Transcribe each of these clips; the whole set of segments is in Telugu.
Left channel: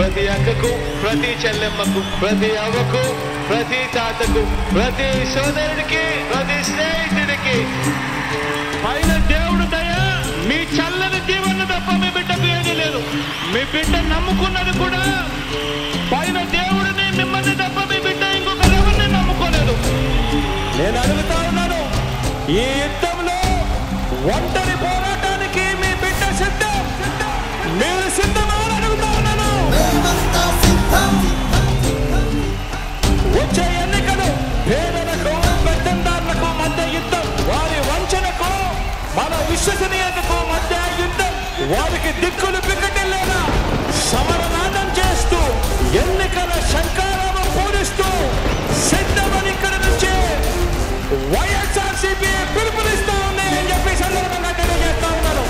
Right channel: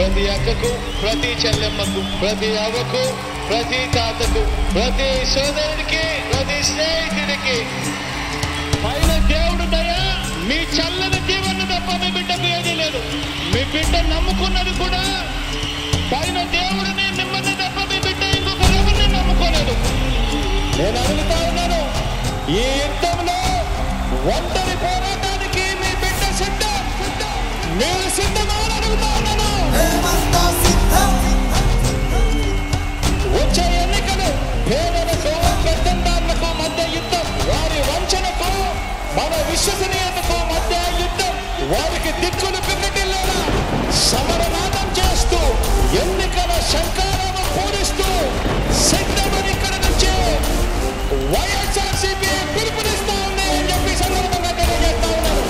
ప్రతి అక్కకు, ప్రతి చెల్లెమ్మకు, ప్రతి అవ్వకు, ప్రతి తాతకు, ప్రతి సోదరుడికి, ప్రతి స్నేహితుడికి పైన దేవుడు దయ, మీ చల్లని దీవెన తప్ప మీ బిడ్డకు ఏదీ లేదు. మీ బిడ్డ నమ్ముకున్నది కూడా పైన దేవుడిని, మిమ్మల్ని తప్ప మీ బిడ్డ ఇంకొకరెవరిని నమ్ముకోలేదు. నేను అడుగుతా ఉన్నాను, ఈ యుద్ధంలో ఒంటరి పోరాటానికి మీ బిడ్డ సిద్ధం, మీరు సిద్ధమా అని అడుగుతా ఉన్నాను. వచ్చే ఎన్నికలు పేదలకు, పెత్తందారులకు మధ్య యుద్ధం, వారి వంచనకు మన విశ్వసనీయతకు మధ్య యుద్ధం. వారికి దిక్కులు పిక్కటిల్లేలా సమరనాదం చేస్తూ ఎన్నికల శంకారావం పూరిస్తూ సిద్ధమని ఇక్కడ నుంచి వైఎస్ఆర్సీపీ పిలుపునిస్తా ఉంది అని చెప్పి సందర్భంగా తెలియజేస్తా ఉన్నాను.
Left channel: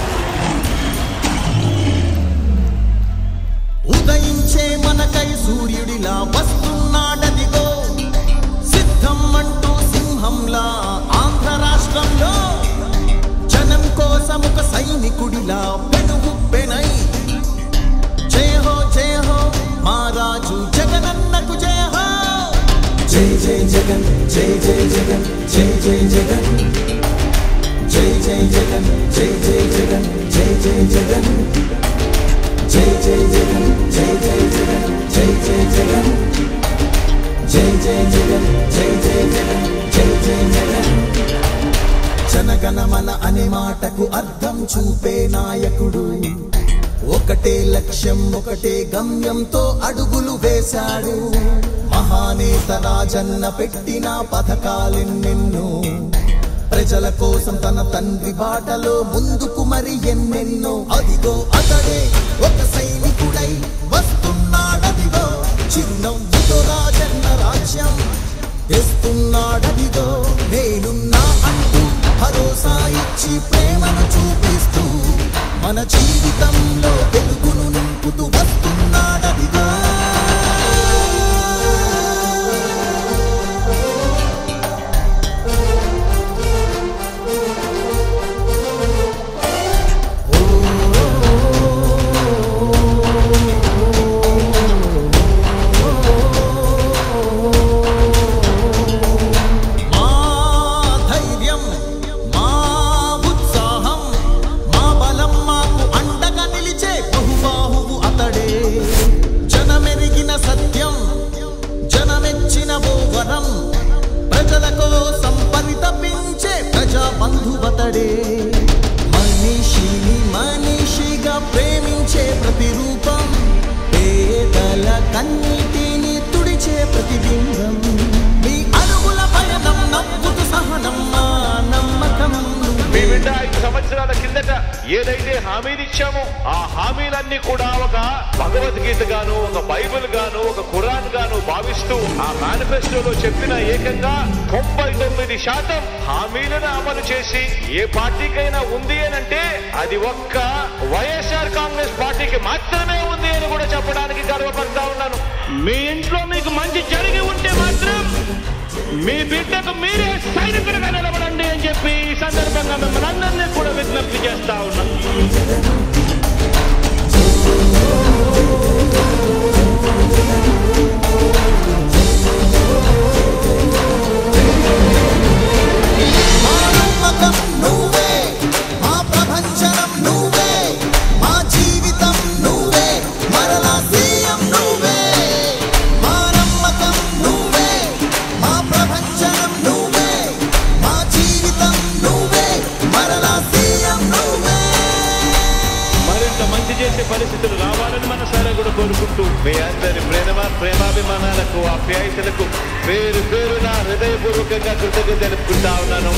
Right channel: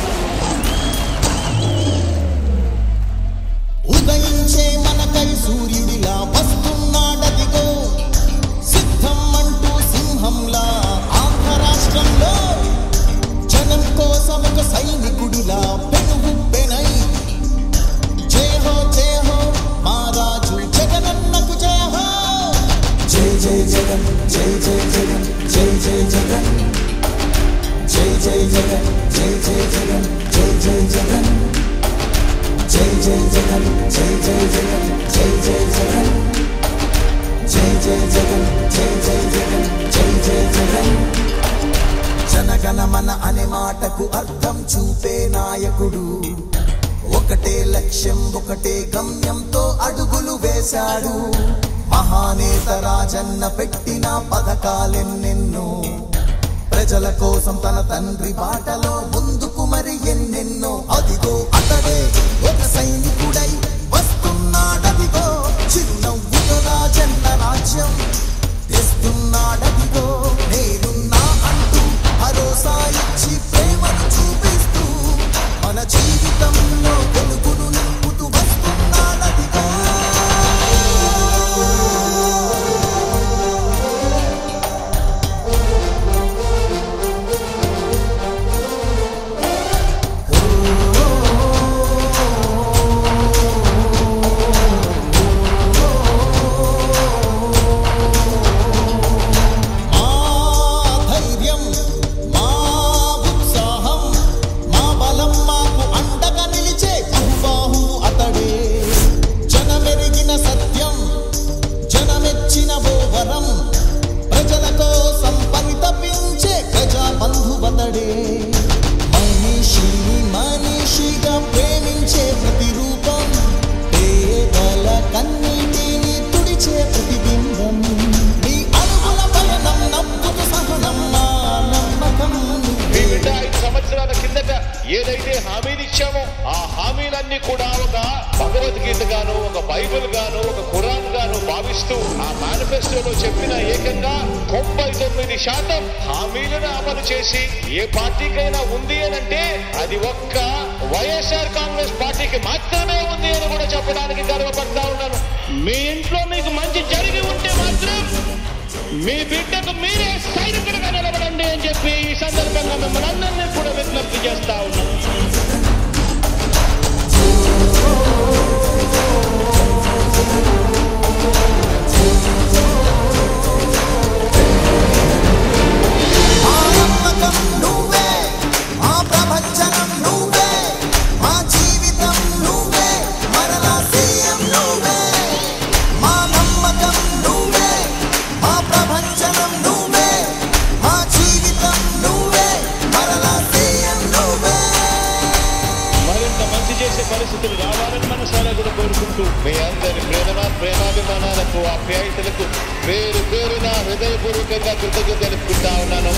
ఉదయించే మనకై సూర్యుడిలా వస్తున్నాడదిగో, సిద్ధం అంటూ సింహంలా ఆంధ్ర రాష్ట్రంలో జనం కోసం ఒక సైనికుడిలా పెనుగుప్పెనై జయ హో జయ హో మా రాజు జగనన్నకు జయ హో. జై జై జగన్, జై జై జగన్, జై జై జగన్, జై జై జగన్, జై జై జగన్, జై జై జగన్, జై జై జగన్, జై జై జగన్, జై జై జగన్, జై జై జగన్, జై జై జగన్, జై జై జగన్. జనగణమన అనే మాటకు అర్థం చూపే నాయకుడు, ఒకటే లక్ష్యం ఒకటే గమ్యంతో అడుగులు వేశాడు. మహానేత రాజన్న పెట్టిన పథకాలెన్నెన్నో, ప్రజల కోసం తన తండ్రి బాటలో ముందుకు మరి ఎన్నెన్నో. అదిగో అతడే ఒక సైనికుడై వస్తున్నాడదిగో, చిరునవ్వుతో రాజన్న రాజ్యం తెస్తున్నాడదిగో. నేనున్నా అంటూ భరోసా ఇచ్చి ప్రేమను చూపిస్తూ మన జీవితంలో వెలుగును నింపుతూ వస్తున్నాడదిగో. జనమెరిగిన సత్యం, జనమెచ్చిన ఓ వరం, ప్రజల కోసం పరితపించే ప్రజా బంధువతడే. మనిషిని మనిషిగా ప్రేమించే ప్రతిరూపం, పేదల కన్నీటిని తుడిచే ప్రతిబింబం. మీ అడుగుల పయనం నవ్వుతూ సహనం, మా నమ్మకం. మీ బిడ్డ 5 సంవత్సరాల కిందట ఏదైతే హామీలు ఇచ్చామో ఆ హామీలన్నీ కూడా ఒక భగవద్గీత గాను, ఒక బైబిల్ గాను, ఒక ఖురాన్ గాను భావిస్తూ ఆ మేనిఫెస్టోలో చెప్పిన ఏకంగా 99% హామీలను అమలు చేసి ఏ పార్టీకైనా ఉంది అని అంటే అది ఒక్క వైఎస్ఆర్ కాంగ్రెస్ పార్టీకి మాత్రమే ఉంది అని కూడా చెప్పడానికి గర్వపడతా ఉన్నాను. మీ ఇంట్లో మీకు మంచి జరిగి ఉంటే మాత్రం మీ బిడ్డకు మీరే సైనికులుగా నిలబడండి అని చెప్పి ఈ సందర్భంగా మిమ్మల్ని అందరినీ కూడా విజ్ఞప్తి చేస్తా ఉన్నా. మంచి చేసే పరిస్థితులు రావాలని మనసారా కూడా కోరుకుంటూ మీ అందరి ప్రేమాభిమానాలకు, ఆప్యాయతలకు పేరు పేరున హృదయపూర్వకంగా కృతజ్ఞతలు తెలుపుకుంటా ఉన్నాను.